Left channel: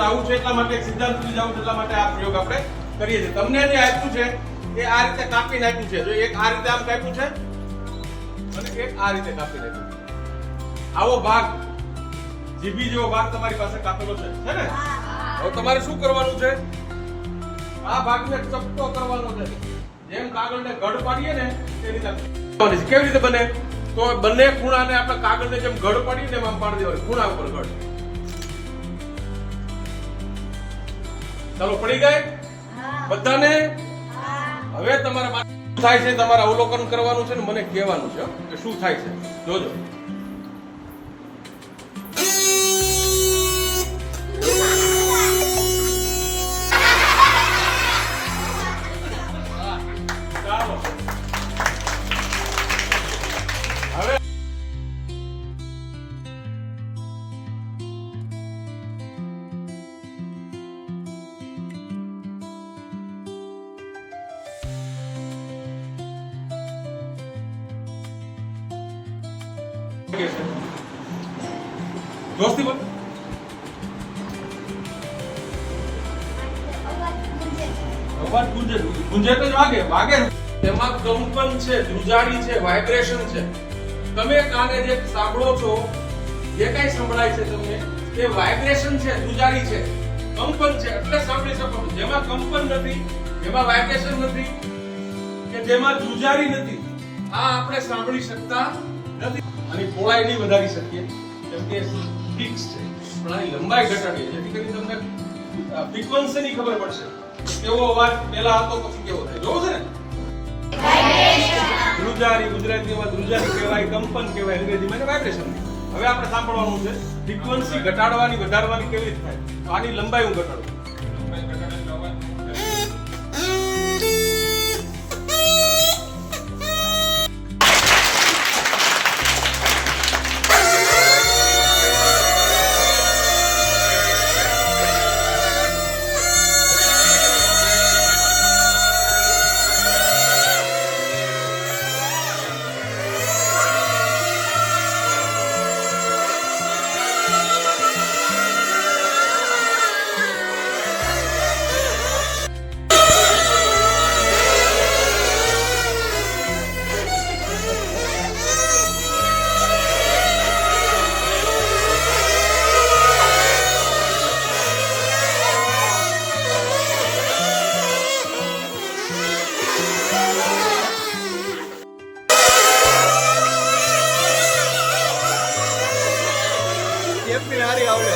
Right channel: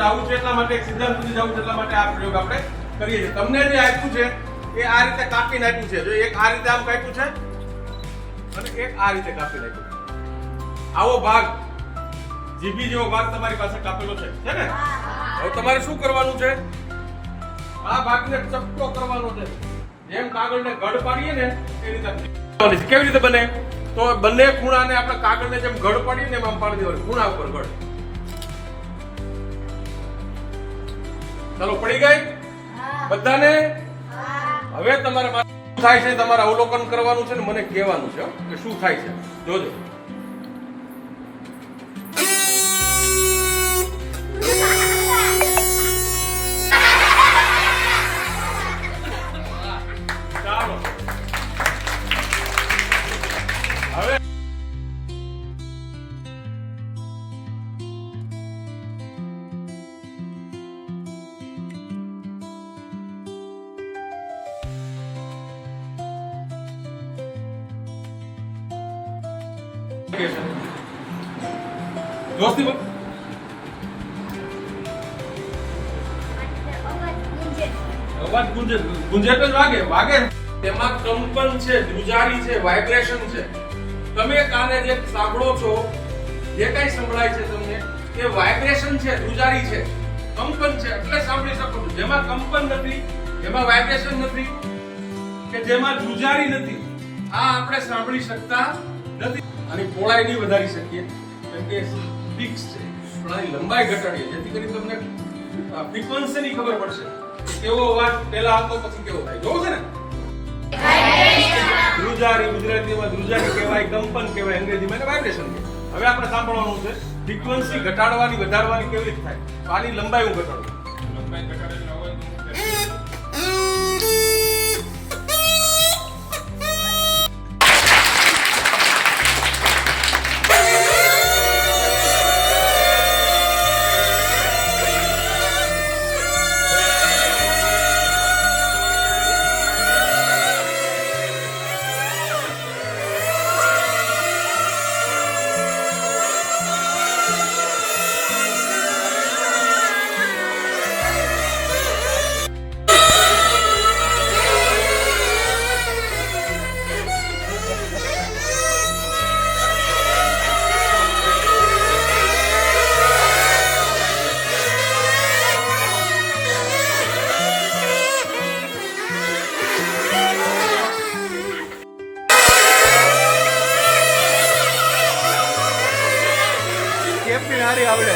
છે આવું છે એટલા માટે એક સિદ્ધાંત સુધી જવું છે એટલા માટે આ પ્રયોગ આપણે કરીએ છીએ. તમને જે આપ્યું છે એ આ રીતે કાપીને આપ્યું છે. જો એક આ રીતે આમ કાપ્યું છે અને એક આ રીતે કાપીને આપ્યું છે. આવો ભાગ જીભી જેવો ભાગ તમારી પાસે કાપેલો છે ને? હવે તમારે શું કરવાનું છે? આ ભાગને ચપટો કરવાનો છે. જેમ કાગળને ગઢ પાડીએ ને એ રીતે કેવી રીતે બને? તો બંને ખૂણાને આપણે કાગળને જેમ ગઢ પાડીએ ને એમ આમ પાડી દેવાનું, ખૂણા ઉપર ગઢ. ચાલો પડી ગઈ બધાને? હવે તમારા શું થાય છે તમારે અવલોકન કરવાનું છે ને મને કહેવાનું છે કે શું થાય છે. જોજો. ચાલો હવે દોસ્તી બોલ. અવાજ ગુંજે ગુંજે તો જ વાગે વાગે. તેમાં કંપન છે, ધ્રુજારી છે, વાઇબ્રેશન છે. તમે કાને જે સાંભળો છો, જે કઈ સંભળાય છે તમને એ વાઇબ્રેશન છે, ધ્રુજારી છે, કંપન છે એટલે સાંભળી શકો છો. જેમાં કંપન નથી, જેમાં વાઇબ્રેશન નથી કે જેમાં ધ્રુજારી નથી, આ આપણે સાંભળી શકતા નથી. આની પહોળાઈ નહીં વધારી શકીએ કેમ કે ફિક્સ છે, પણ આની લંબાઈ ઘટાડીએ જેથી કરીને તમને ફ્રીક્વન્સીની ખબર પડશે કેવો અવાજ પહેલા હતો પછી કેવો થાય. જોવું છે ને? ધ્રુજારી ગુજરાતીમાં ધ્રુજારી કહેવાય, કંપન કહેવાય, અંગ્રેજીમાં એને વાઇબ્રેશન કહેવાય. હવે આપણે સાંભળવાનું છે ફ્રીક્વન્સી ઘટાડવાની વધારવાની કેવી રીતે થાય. તો આની લંબાઈ હું ઘટાડું. લંબાઈ ઘટાડીને અવાજ આવડે.